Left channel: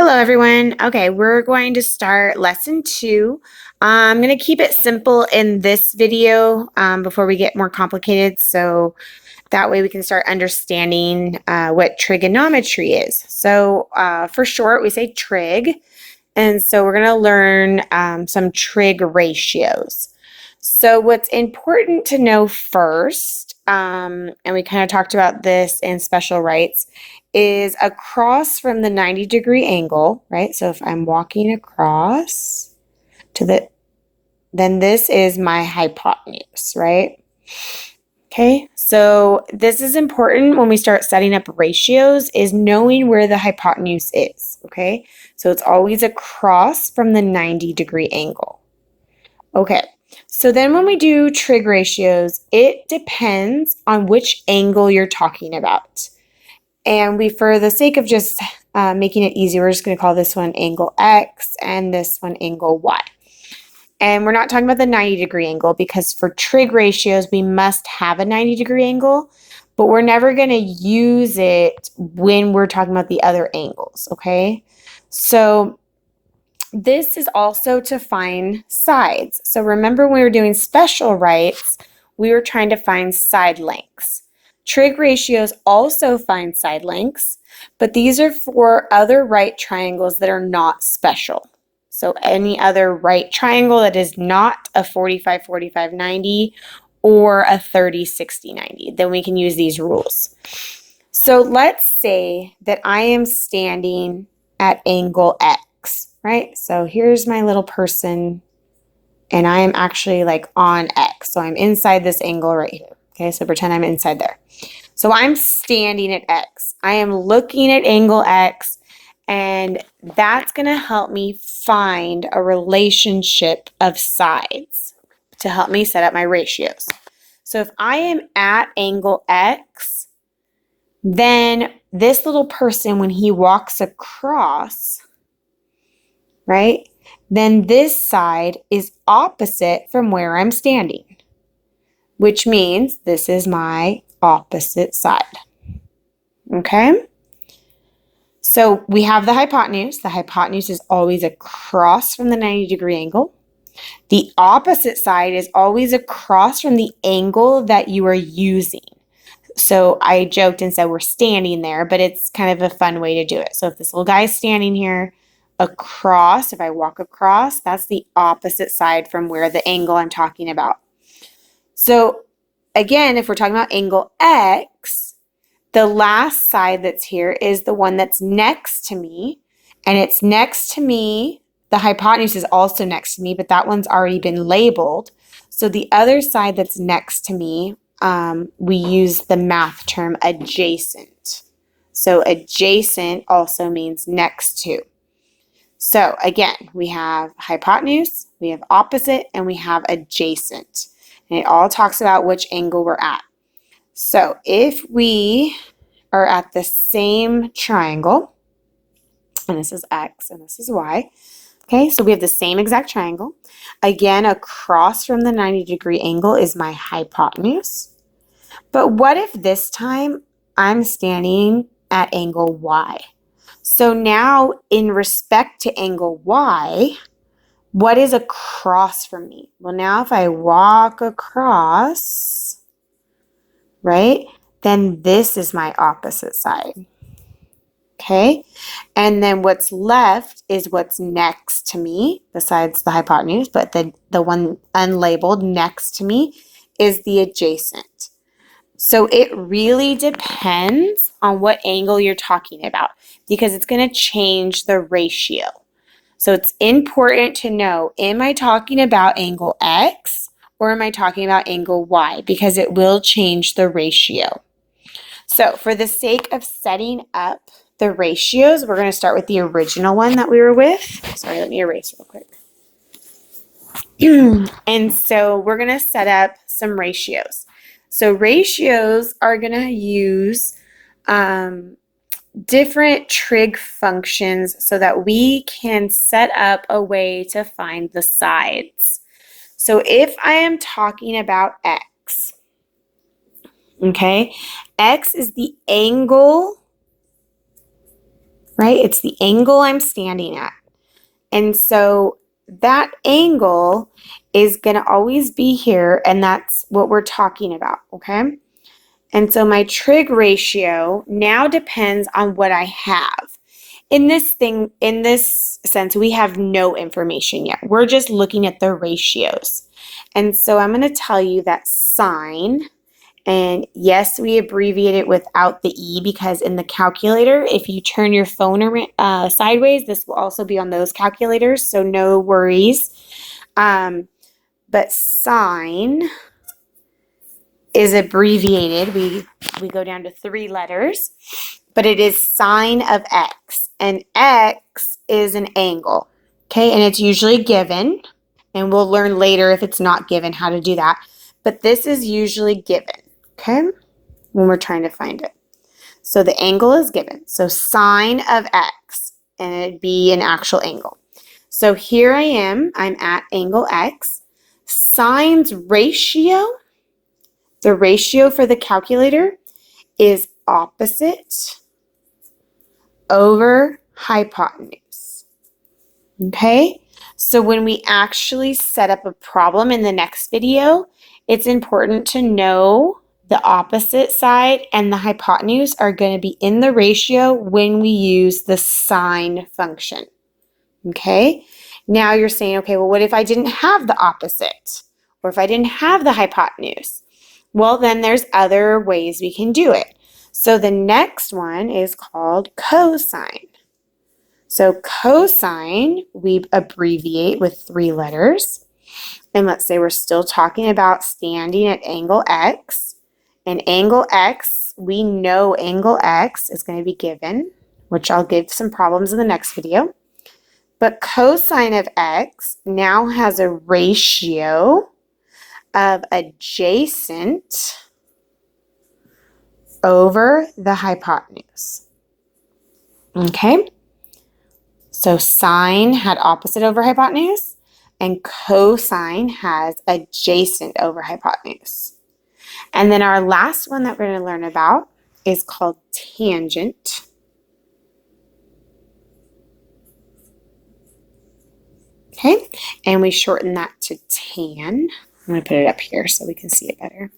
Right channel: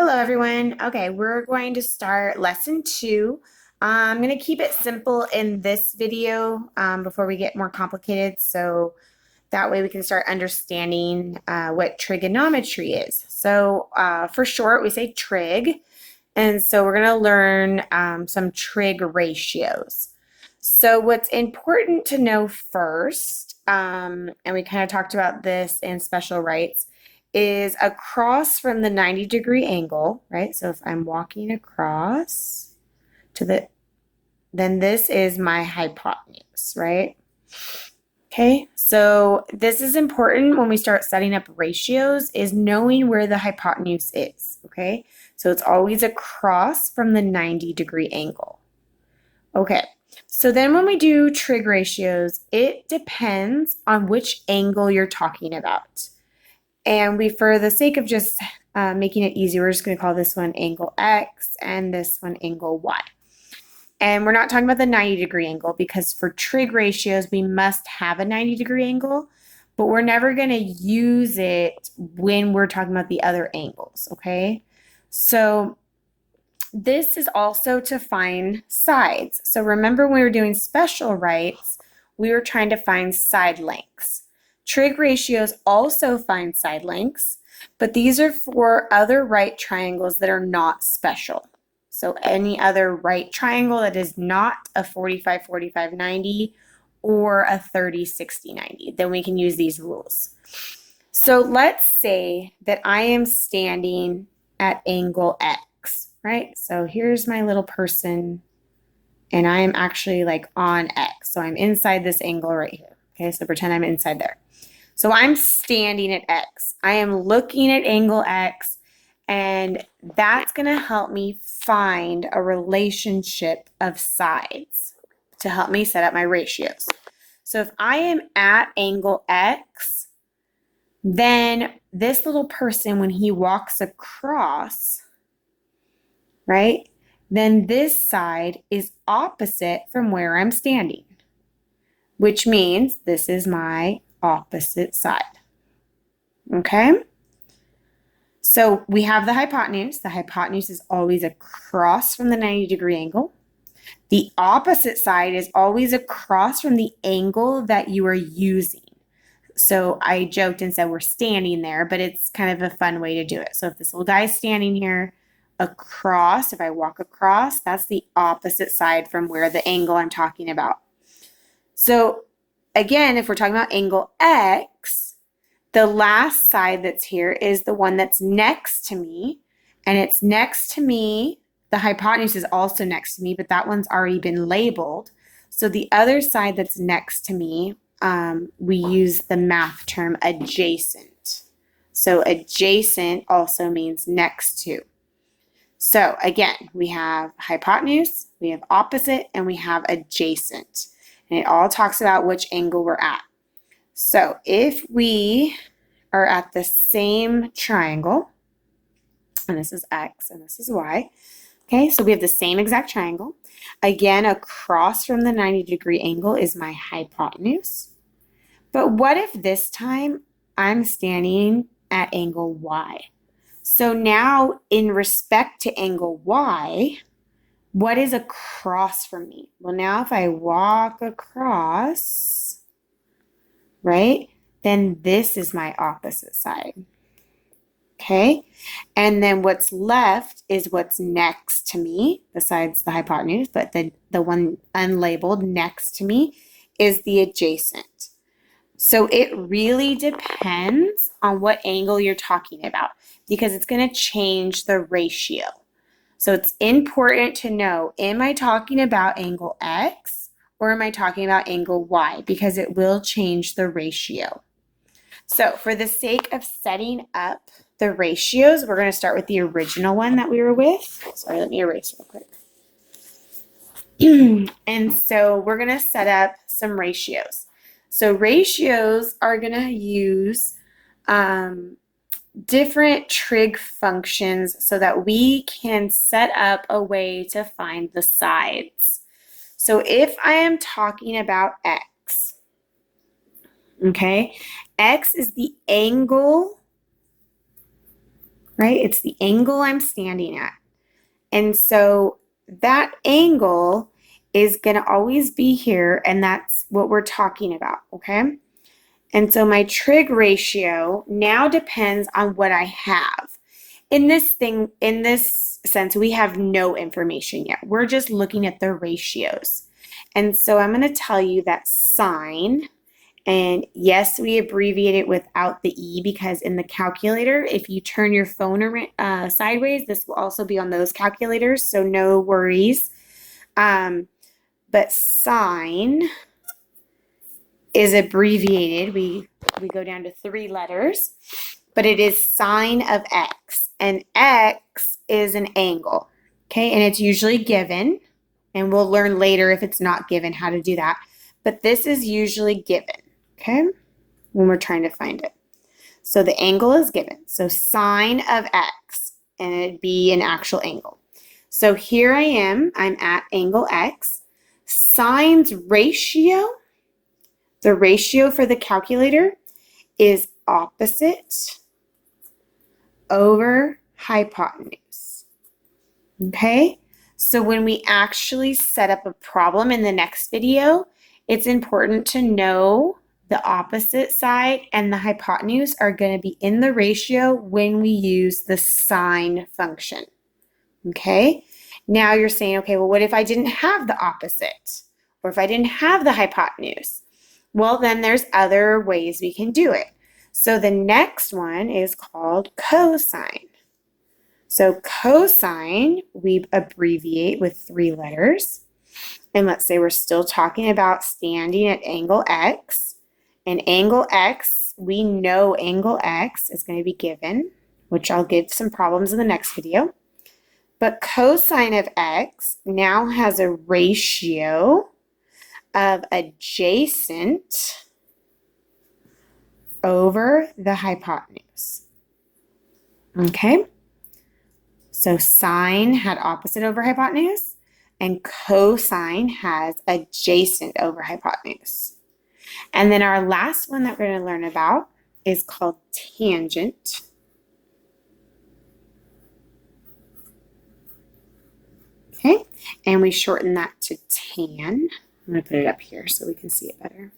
Hello, everyone. Okay, we're going to start lesson two. I'm going to keep it simple in this video before we get more complicated, so that way we can start understanding what trigonometry is. So for short, we say trig, and so we're going to learn some trig ratios. So what's important to know first, and we kind of talked about this in special rights, is across from the 90-degree angle, right? So if I'm walking across then this is my hypotenuse, right? Okay, so this is important when we start setting up ratios, is knowing where the hypotenuse is, okay? So it's always across from the 90-degree angle. Okay, so then when we do trig ratios, it depends on which angle you're talking about. And for the sake of just making it easy, we're just going to call this one angle X and this one angle Y. And we're not talking about the 90-degree angle because for trig ratios, we must have a 90-degree angle, but we're never going to use it when we're talking about the other angles, okay? So this is also to find sides. So remember when we were doing special rights, we were trying to find side lengths. Trig ratios also find side lengths, but these are for other right triangles that are not special. So any other right triangle that is not a 45, 45, 90 or a 30, 60, 90, then we can use these rules. So let's say that I am standing at angle X, right? So here's my little person and I am actually like on X. So I'm inside this angle right here. Okay, so pretend I'm inside there. So I'm standing at X. I am looking at angle X, and that's going to help me find a relationship of sides to help me set up my ratios. So if I am at angle X, then this little person, when he walks across, right, then this side is opposite from where I'm standing, which means this is my opposite side. Okay? So we have the hypotenuse. The hypotenuse is always across from the 90-degree angle. The opposite side is always across from the angle that you are using. So I joked and said we're standing there, but it's kind of a fun way to do it. So if this little guy is standing here across, if I walk across, that's the opposite side from where the angle I'm talking about. So again, if we're talking about angle X, the last side that's here is the one that's next to me, and it's next to me. The hypotenuse is also next to me, but that one's already been labeled. So the other side that's next to me, we use the math term adjacent. So adjacent also means next to. So again, we have hypotenuse, we have opposite, and we have adjacent. And it all talks about which angle we're at. So if we are at the same triangle, and this is X and this is Y, okay, so we have the same exact triangle. Again, across from the 90-degree angle is my hypotenuse. But what if this time I'm standing at angle Y? So now in respect to angle Y, what is across from me? Well, now if I walk across, right, then this is my opposite side. Okay, and then what's left is what's next to me besides the hypotenuse, but the one unlabeled next to me is the adjacent. So it really depends on what angle you're talking about because it's going to change the ratio. So it's important to know, am I talking about angle X or am I talking about angle Y? Because it will change the ratio. So for the sake of setting up the ratios, we're going to start with the original one that we were with. Sorry, let me erase real quick. And so we're going to set up some ratios. So ratios are going to use different trig functions so that we can set up a way to find the sides. So if I am talking about X, okay, X is the angle right? It's the angle I'm standing at. And so that angle is going to always be here, and that's what we're talking about, okay? And so my trig ratio now depends on what I have. In this sense, we have no information yet. We're just looking at the ratios. And so I'm going to tell you that sine, and yes, we abbreviate it without the E because in the calculator, if you turn your phone around, sideways, this will also be on those calculators, so no worries. But sine is abbreviated. We go down to 3 letters, but it is sine of x, and x is an angle, okay? And it's usually given, and we'll learn later if it's not given how to do that, but this is usually given, okay, when we're trying to find it. So the angle is given, so sine of x, and it'd be an actual angle. So here I'm at angle x. Sine's ratio, the ratio for the calculator is opposite over hypotenuse. Okay? So when we actually set up a problem in the next video, it's important to know the opposite side and the hypotenuse are going to be in the ratio when we use the sine function. Okay? Now you're saying, okay, well, what if I didn't have the opposite? Or if I didn't have the hypotenuse? Well, then there's other ways we can do it. So the next one is called cosine. So cosine, we abbreviate with 3 letters. And let's say we're still talking about standing at angle x. And angle x, we know angle x is going to be given, which I'll give some problems in the next video. But cosine of x now has a ratio of adjacent over the hypotenuse. Okay? So sine had opposite over hypotenuse, and cosine has adjacent over hypotenuse. And then our last one that we're going to learn about is called tangent. Okay, and we shorten that to tan. I'm going to put it up here so we can see it better.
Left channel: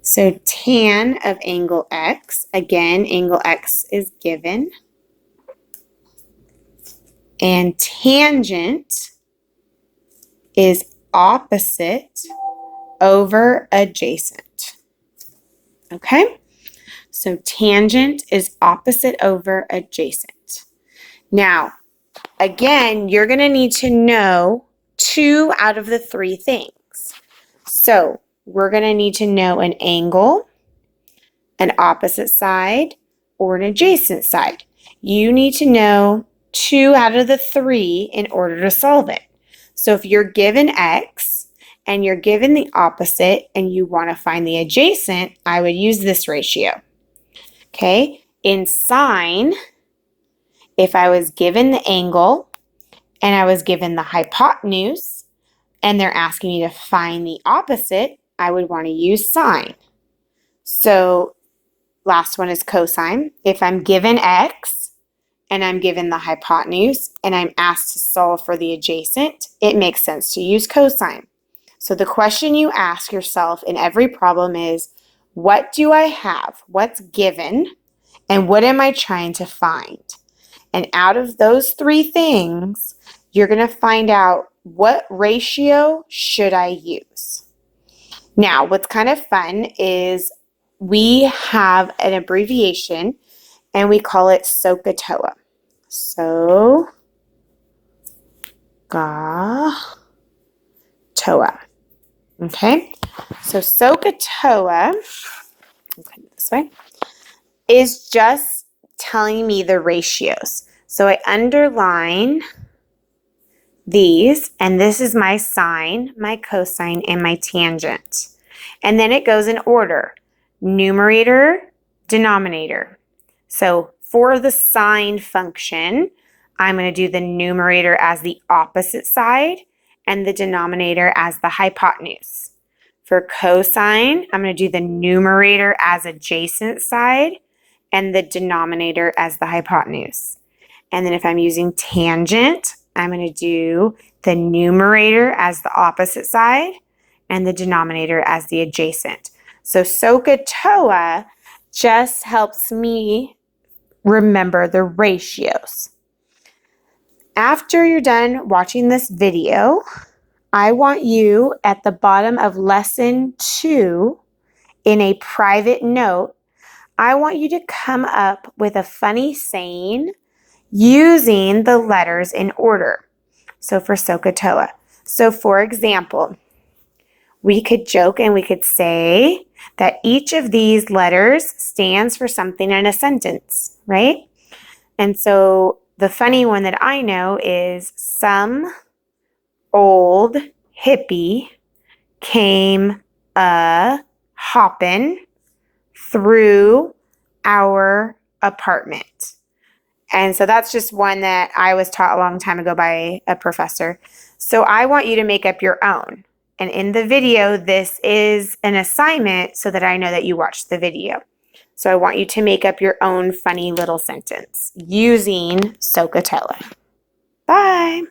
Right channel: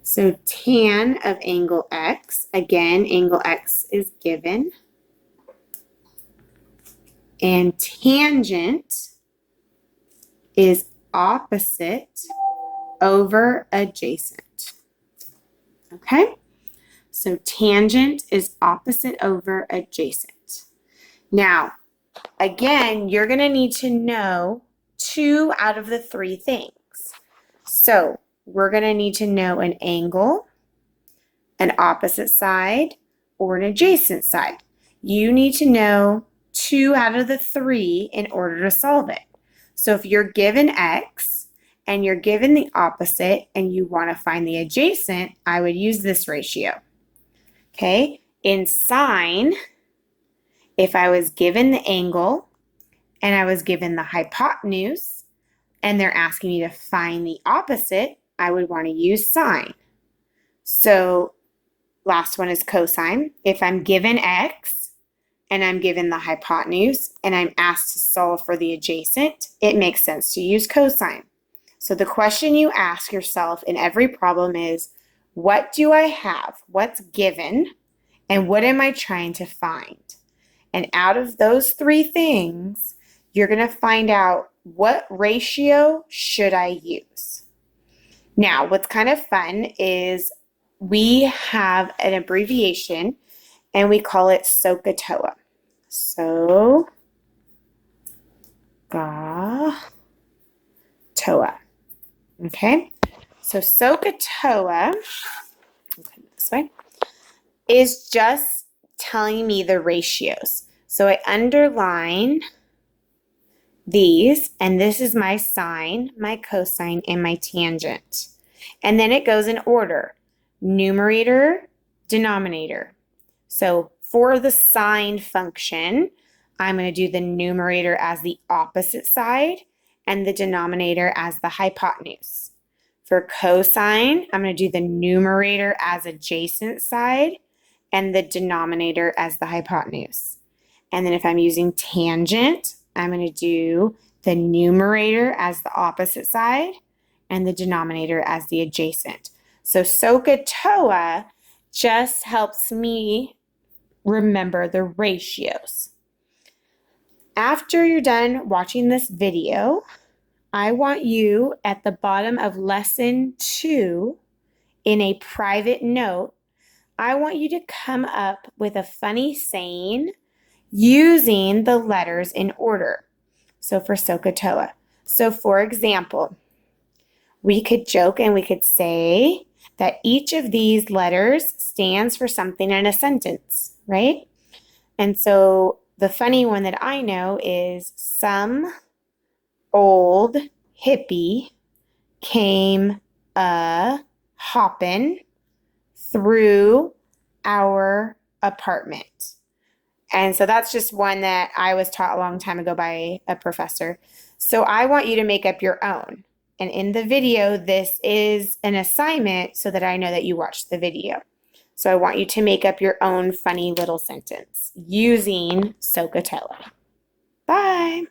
So tan of angle x, again, angle x is given. And tangent is opposite over adjacent. Okay? So tangent is opposite over adjacent. Now, again, you're going to need to know 2 out of the 3 things. So we're going to need to know an angle, an opposite side, or an adjacent side. You need to know 2 out of the 3 in order to solve it. So if you're given x and you're given the opposite and you want to find the adjacent, I would use this ratio. Okay? In sine, if I was given the angle and I was given the hypotenuse and they're asking me to find the opposite, I would want to use sine. So last one is cosine. If I'm given x and I'm given the hypotenuse and I'm asked to solve for the adjacent, it makes sense to use cosine. So the question you ask yourself in every problem is, what do I have? What's given? And what am I trying to find? And out of those 3 things, you're going to find out what ratio should I use. Now, what's kind of fun is we have an abbreviation and we call it Sohcahtoa. Sohcahtoa. Okay, so Sohcahtoa, this way, is just telling me the ratios. So I underline these, and this is my sine, my cosine, and my tangent. And then it goes in order, numerator, denominator. So for the sine function, I'm going to do the numerator as the opposite side and the denominator as the hypotenuse. For cosine, I'm going to do the numerator as adjacent side and the denominator as the hypotenuse. And then if I'm using tangent, I'm going to do the numerator as the opposite side and the denominator as the adjacent. So Sohcahtoa just helps me remember the ratios. After you're done watching this video, I want you at the bottom of lesson 2 in a private note, I want you to come up with a funny saying using the letters in order. So for Sohcahtoa. So for example, we could joke and we could say that each of these letters stands for something in a sentence, right? And so the funny one that I know is some old hippie came a hoppin' through our apartment. And so that's just one that I was taught a long time ago by a professor. So I want you to make up your own. And in the video, this is an assignment so that I know that you watched the video. So I want you to make up your own funny little sentence using Sohcahtoa. Bye.